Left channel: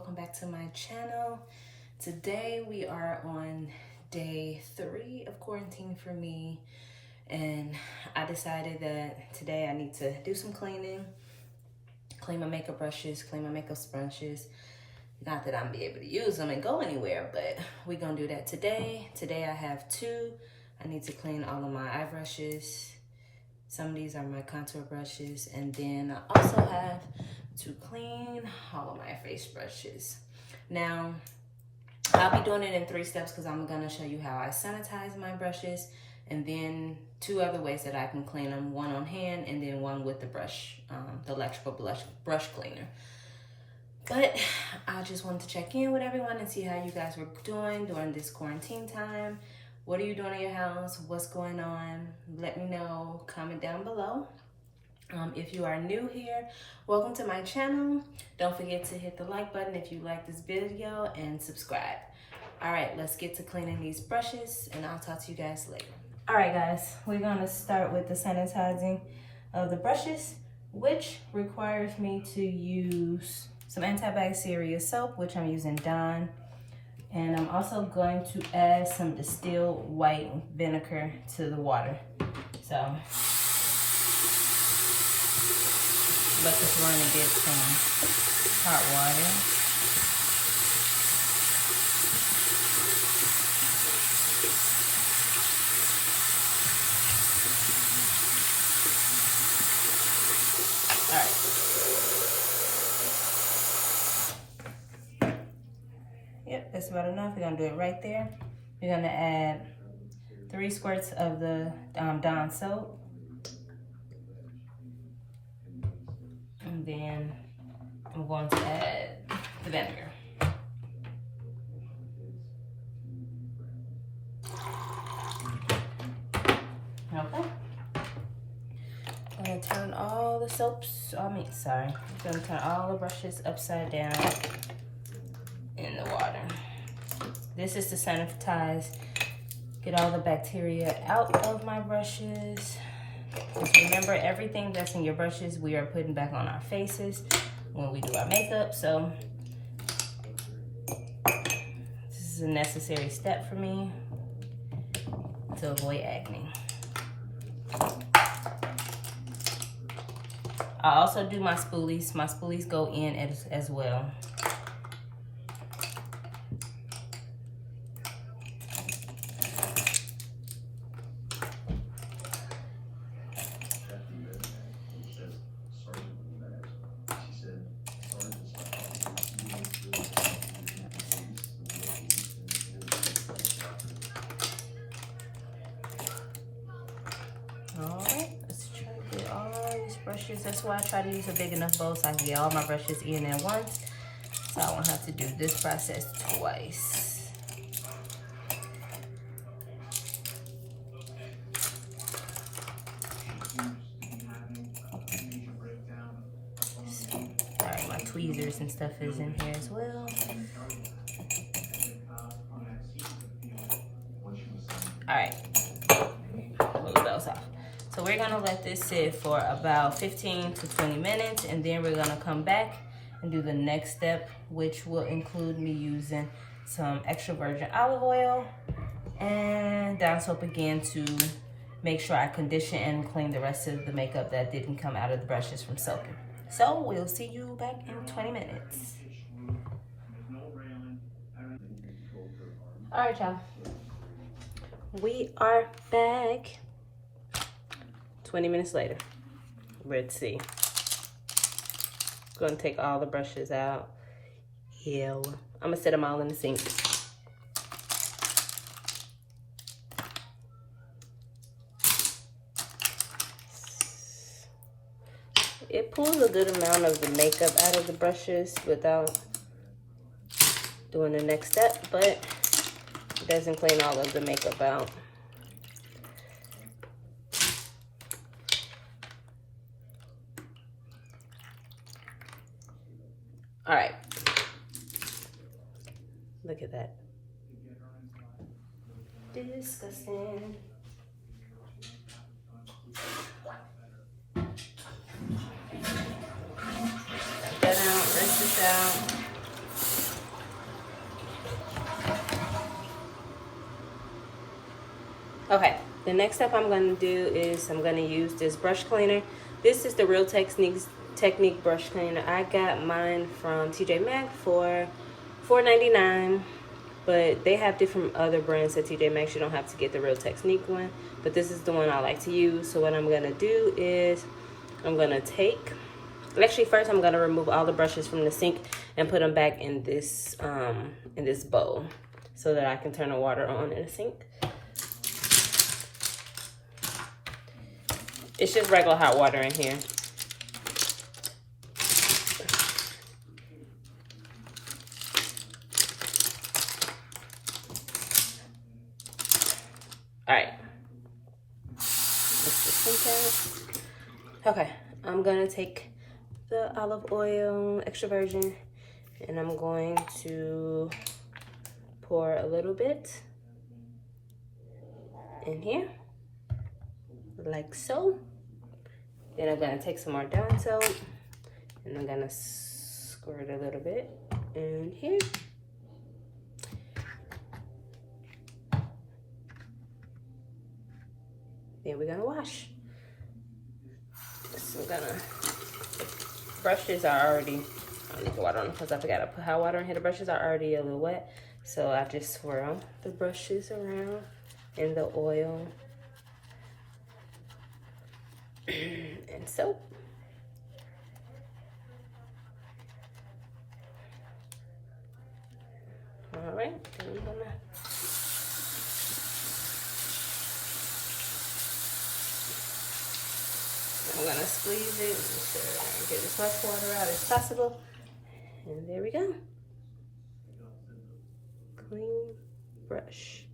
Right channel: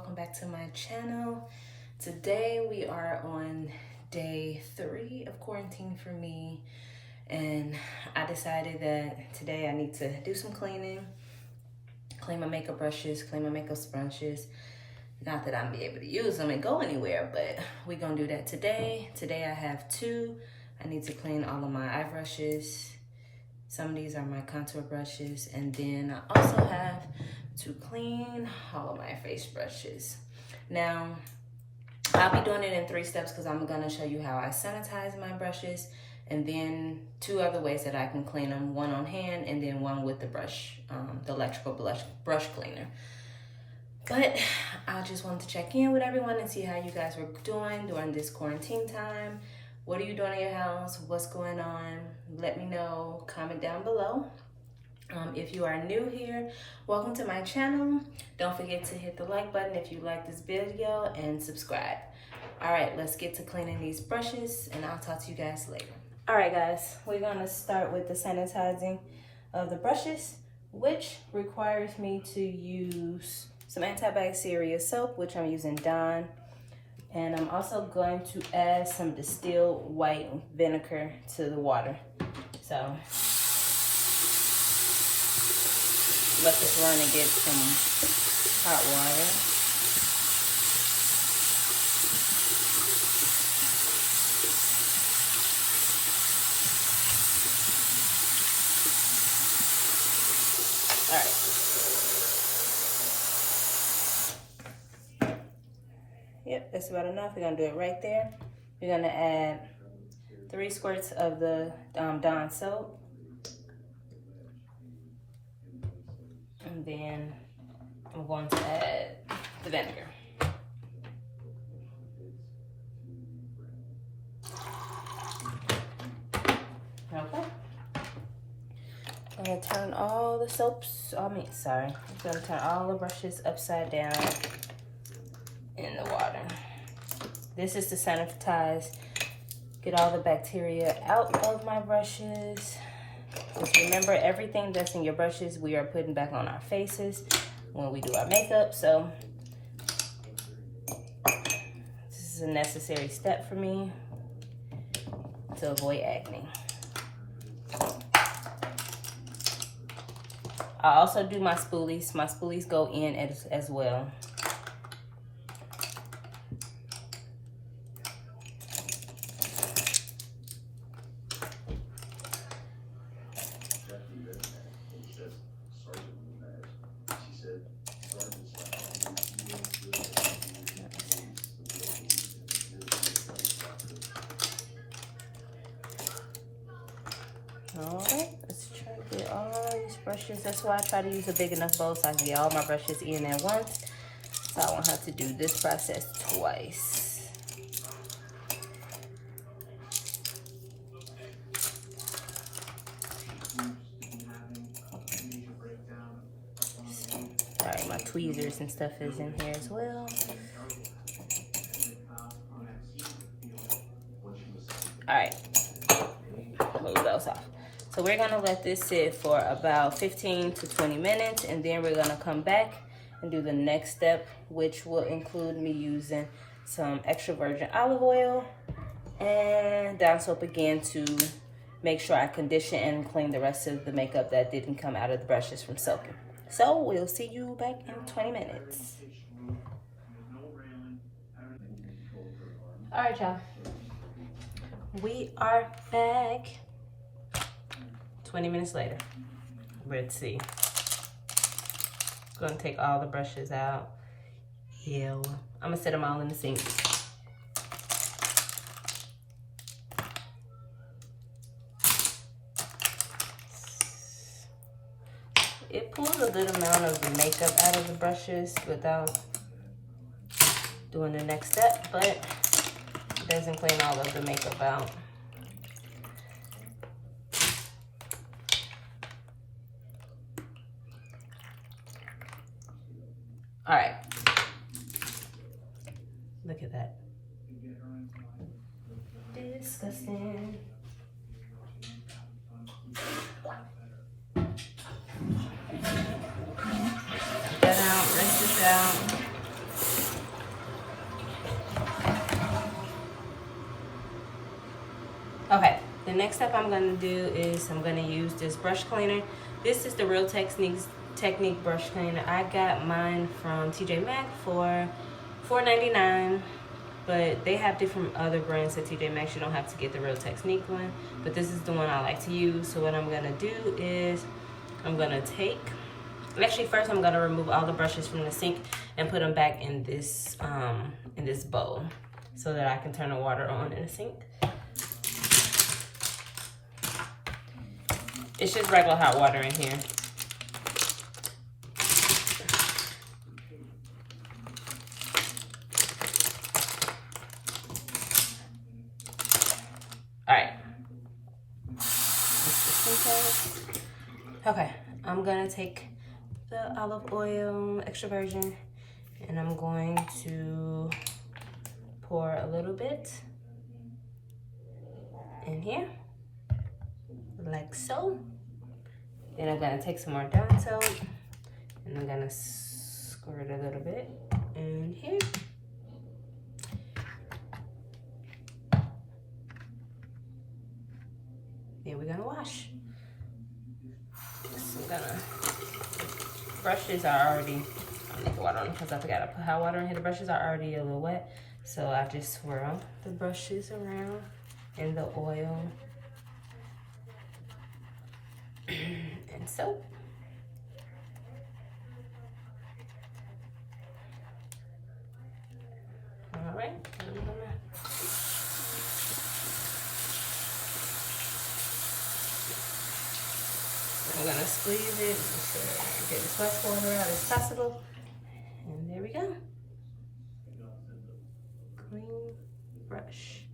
welcome back to my channel. Today we are on day 3 of quarantine for me, and I decided that today I need to do some cleaning, clean my makeup brushes, clean my makeup sponges. Not that I'm be able to use them and go anywhere, but we're gonna do that today. Today I have 2. I need to clean all of my eye brushes. Some of these are my contour brushes, and then I also have to clean all of my face brushes. Now, I'll be doing it in 3 steps because I'm gonna show you how I sanitize my brushes, and then 2 other ways that I can clean them, one on hand and then one with the brush, the electrical brush cleaner. But I just wanted to check in with everyone and see how you guys were doing during this quarantine time. What are you doing in your house? What's going on? Let me know, comment down below. If you are new here, welcome to my channel. Don't forget to hit the like button if you like this video and subscribe. All right, let's get to cleaning these brushes and I'll talk to you guys later. All right, guys, we're gonna start with the sanitizing of the brushes, which requires me to use some antibacterial soap, which I'm using Dawn. And I'm also going to add some distilled white vinegar to the water. So let this run and get some hot water. All right. Yep, that's about enough. We're gonna do it right there. We're gonna add 3 squirts of the Dawn soap. And then I'm going to add the vinegar. Okay. I'm gonna turn all the soaps, I'm gonna turn all the brushes upside down in the water. This is to sanitize, get all the bacteria out of my brushes. Just remember, everything that's in your brushes, we are putting back on our faces when we do our makeup. So this is a necessary step for me to avoid acne. I also do my spoolies. My spoolies go in as well. Alright, let's try to get all these brushes. That's why I try to use a big enough bowl so I can get all my brushes in at once, so I won't have to do this process twice. Alright, my tweezers and stuff is in here as well. Alright, move those off. So we're gonna let this sit for about 15 to 20 minutes, and then we're gonna come back and do the next step, which will include me using some extra virgin olive oil and Dawn soap again to make sure I condition and clean the rest of the makeup that didn't come out of the brushes from soaking. So we'll see you back in 20 minutes. All right, y'all. We are back. 20 minutes later. Let's see. Gonna take all the brushes out. Yeah, I'm gonna set them all in the sink. It pulls a good amount of the makeup out of the brushes without doing the next step, but it doesn't clean all of the makeup out. All right, look at that. Disgusting. Get out, rinse this out. The next step I'm going to do is I'm going to use this brush cleaner. This is the Real Technique brush cleaner. I got mine from TJ Maxx for $4.99, but they have different other brands at TJ Maxx. You don't have to get the Real Technique one, but this is the one I like to use. So what I'm going to do is I'm going to actually first I'm going to remove all the brushes from the sink and put them back in this bowl so that I can turn the water on in the sink. It's just regular hot water in here. All right. Okay, I'm gonna take the olive oil, extra virgin, and I'm going to pour a little bit in here, like so. Then I'm gonna take some more Dawn soap, and I'm gonna squirt a little bit in here. Then we're gonna wash. So brushes are already, I need to water them because I forgot to put hot water in here. The brushes are already a little wet, so I just swirl the brushes around in the oil and soap. All right. I'm gonna squeeze it and get as much water out as possible. And there we go. Clean brush.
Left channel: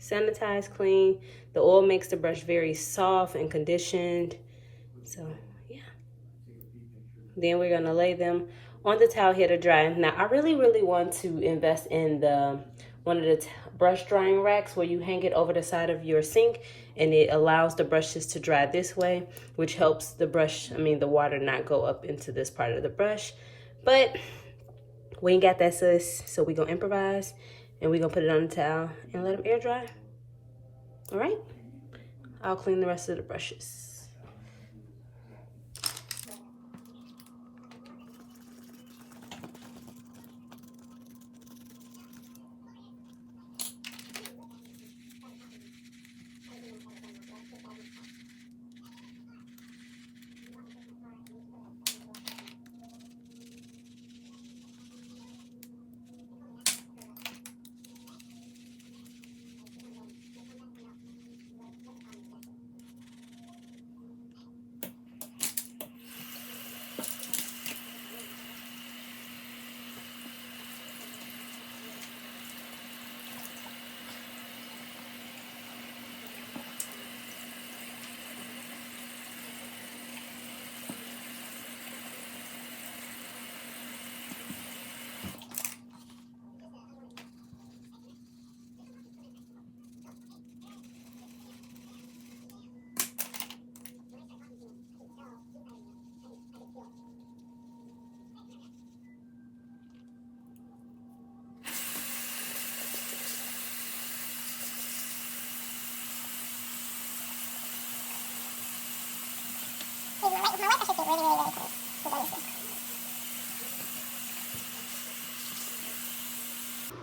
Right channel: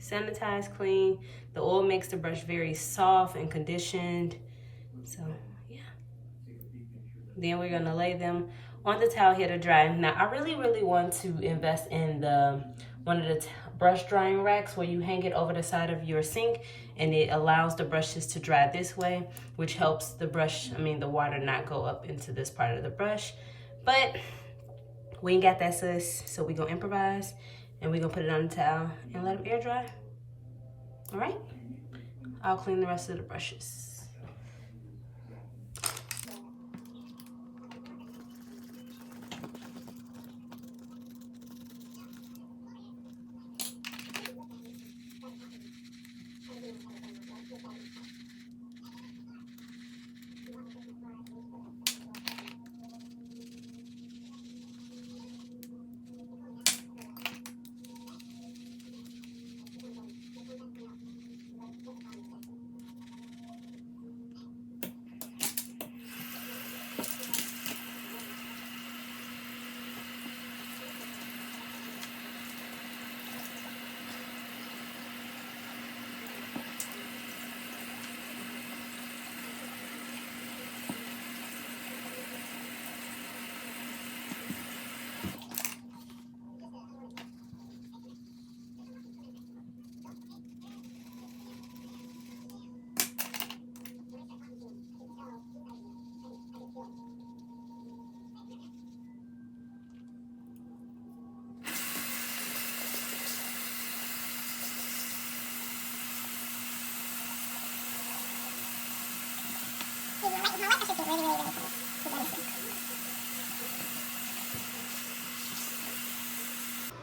Sanitized, clean. The oil makes the brush very soft and conditioned. So, yeah. Then we're gonna lay them on the towel here to dry. Now, I really want to invest in one of the brush drying racks where you hang it over the side of your sink, and it allows the brushes to dry this way, which helps the water not go up into this part of the brush. But we ain't got that, sis, so we gonna improvise, and we gonna put it on the towel and let them air dry. All right, I'll clean the rest of the brushes.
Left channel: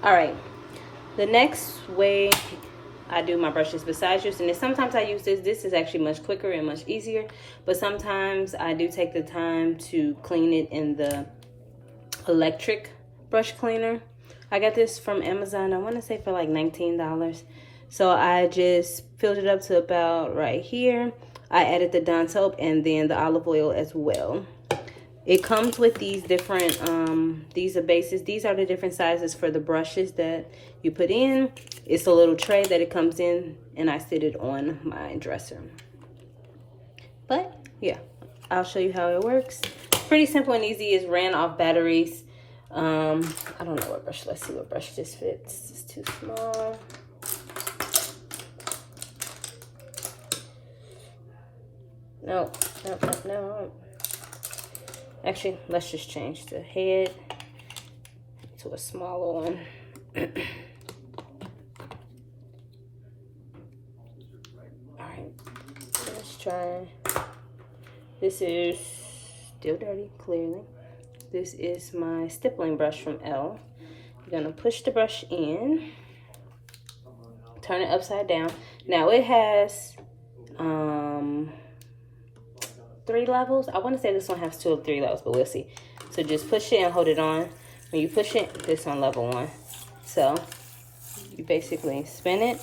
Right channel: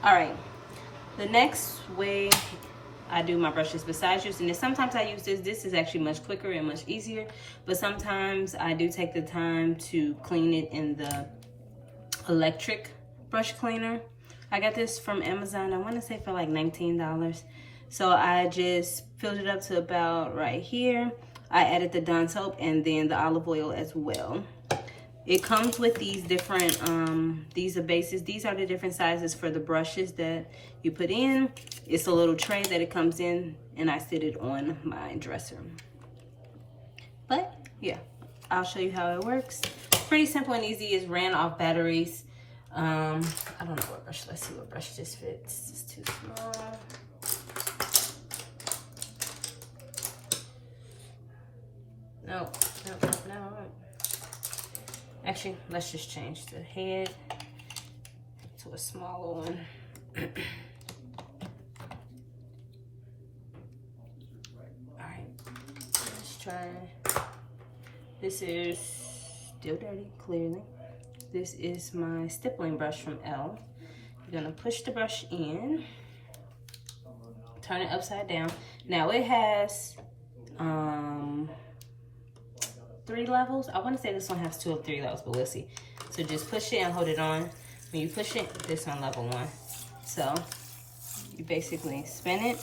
All right, the next way I do my brushes besides using this, sometimes I use this is actually much quicker and much easier, but sometimes I do take the time to clean it in the electric brush cleaner. I got this from Amazon, I want to say for like $19. So I just filled it up to about right here. I added the Dawn soap and then the olive oil as well. It comes with these different, these are bases. These are the different sizes for the brushes that you put in. It's a little tray that it comes in, and I sit it on my dresser. But yeah, I'll show you how it works. Pretty simple and easy. It's ran off batteries. I don't know what brush, let's see what brush this fits. It's too small. No. Actually, let's just change the head to a smaller one. try. This is still dirty, clearly. This is my stippling brush from Elle. You're gonna push the brush in, turn it upside down. Now it has 3 levels. I want to say this one has 2 or 3 levels, but we'll see. So just push it and hold it on. When you push it, this on level 1. So you basically spin it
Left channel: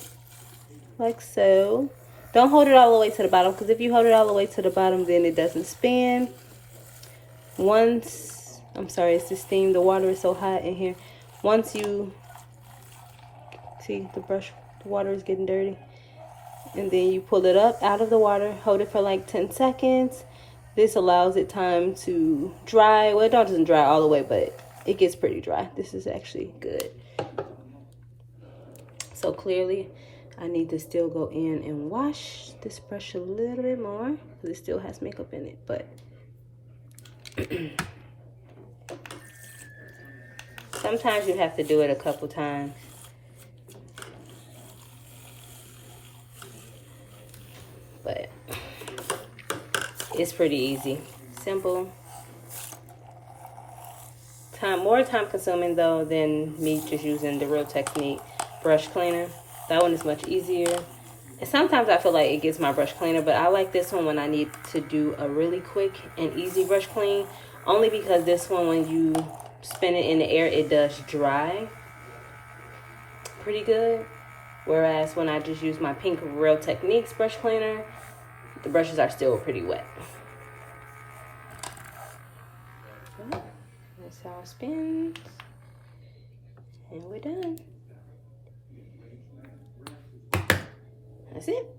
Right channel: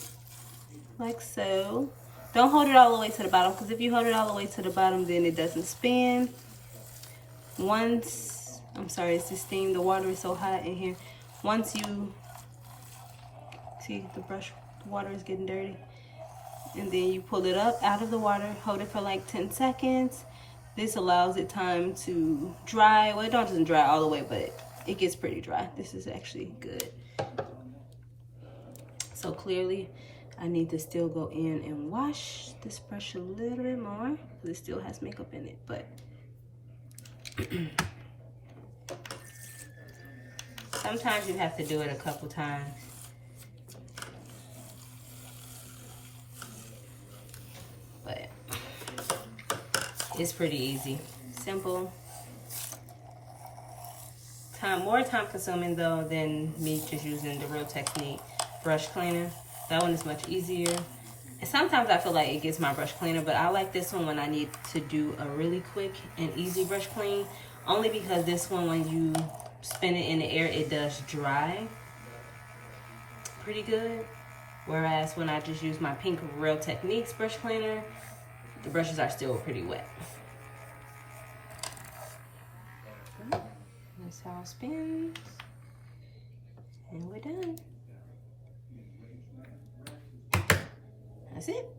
like so. Don't hold it all the way to the bottom, because if you hold it all the way to the bottom, then it doesn't spin. Once, I'm sorry, it's this thing, the water is so hot in here. Once you see the brush, the water is getting dirty, and then you pull it up out of the water, hold it for like 10 seconds. This allows it time to dry. Well, it doesn't dry all the way, but it gets pretty dry. This is actually good. So clearly, I need to still go in and wash this brush a little bit more, because it still has makeup in it, but sometimes you have to do it a couple times. But it's pretty easy, simple. More time consuming though than me just using the Real Technique brush cleaner. That one is much easier. And sometimes I feel like it gets my brush cleaner, but I like this one when I need to do a really quick and easy brush clean. Only because this one, when you spin it in the air, it does dry pretty good. Whereas when I just use my pink Real Techniques brush cleaner, the brushes are still pretty wet. Okay. That's how it spins. And we're done. That's it.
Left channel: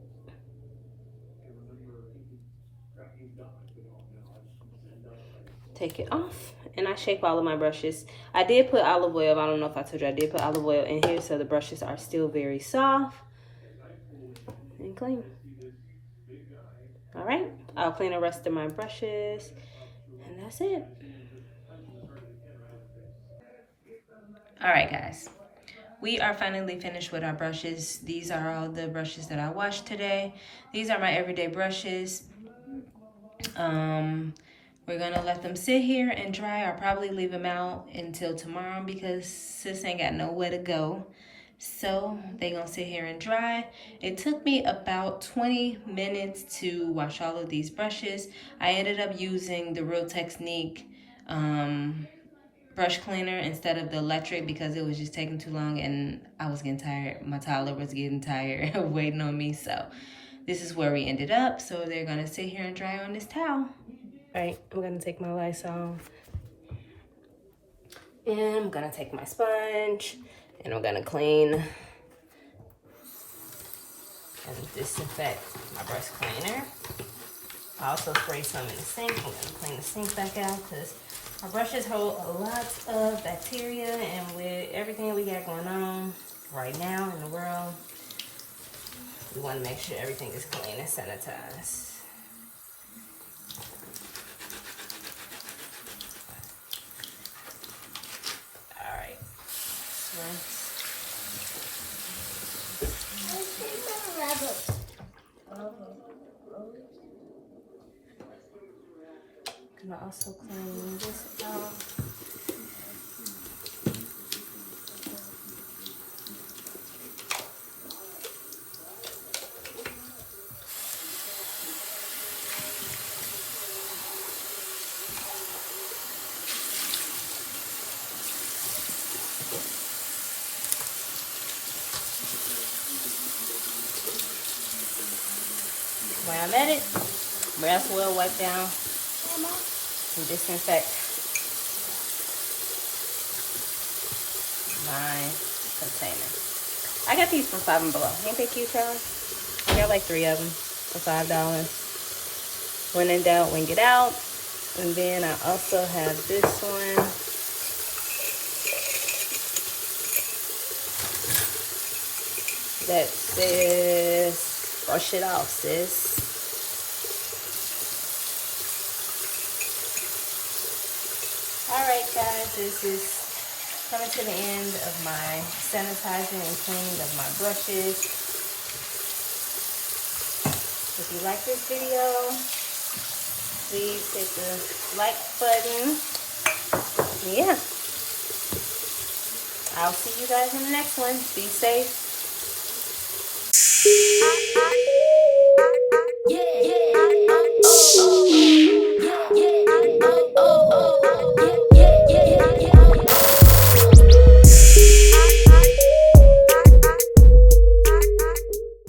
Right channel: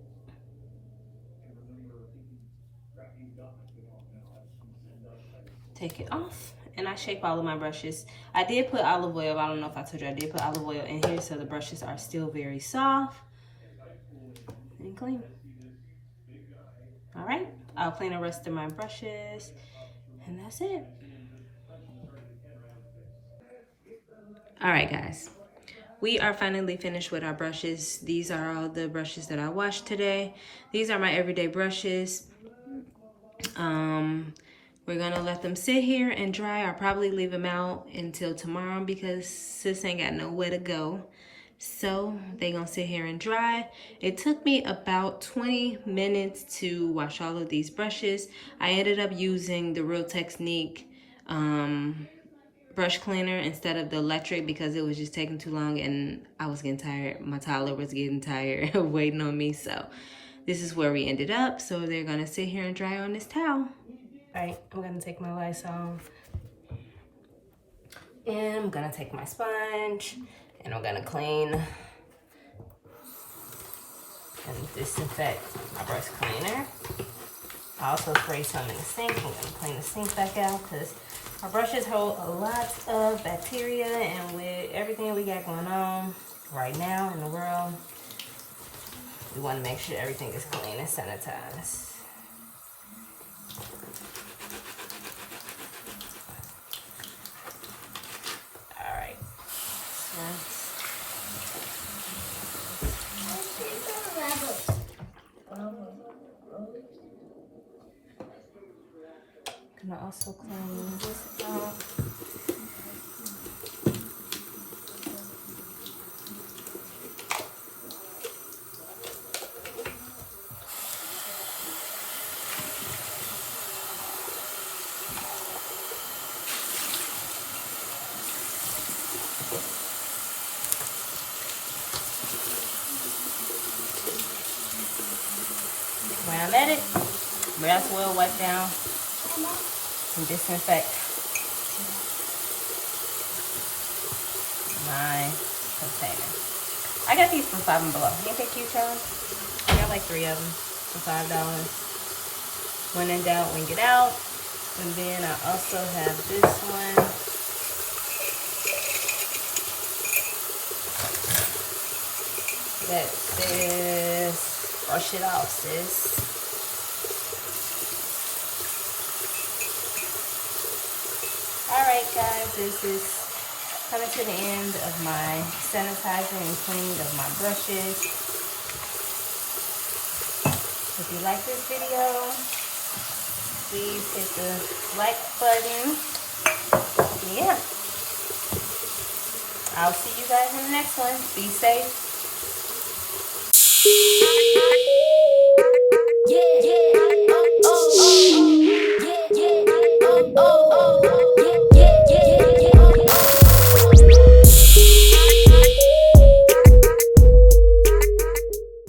Take it off, and I shape all of my brushes. I did put olive oil. I don't know if I told you, I did put olive oil in here, so the brushes are still very soft and clean. All right, I'll clean the rest of my brushes, and that's it. All right, guys. We are finally finished with our brushes. These are all the brushes that I washed today. These are my everyday brushes. We're gonna let them sit here and dry. I'll probably leave them out until tomorrow because sis ain't got nowhere to go. So they gonna sit here and dry. It took me about 20 minutes to wash all of these brushes. I ended up using the Real Technique brush cleaner instead of the electric because it was just taking too long and I was getting tired. My toddler was getting tired of waiting on me. So this is where we ended up. So they're gonna sit here and dry on this towel. All right, I'm gonna take my Lysol and I'm gonna take my sponge and I'm gonna clean and disinfect my brush cleaner. I also spray some in the sink. I'm gonna clean the sink back out because our brushes hold a lot of bacteria, and with everything we got going on right now in the world, we want to make sure everything is clean and sanitized. All right. Gonna also clean this out. When I'm at it, brass oil wipe down and disinfect my container. I got these from Five and Below. Ain't they cute, y'all? I got like 3 of them for $5. When in doubt, wing it out. And then I also have this one. That says, wash it off, sis. Alright guys, this is coming to the end of my sanitizing and cleaning of my brushes. This If you like this video, please hit the like button. Yeah. I'll see you guys in the next one. Be safe.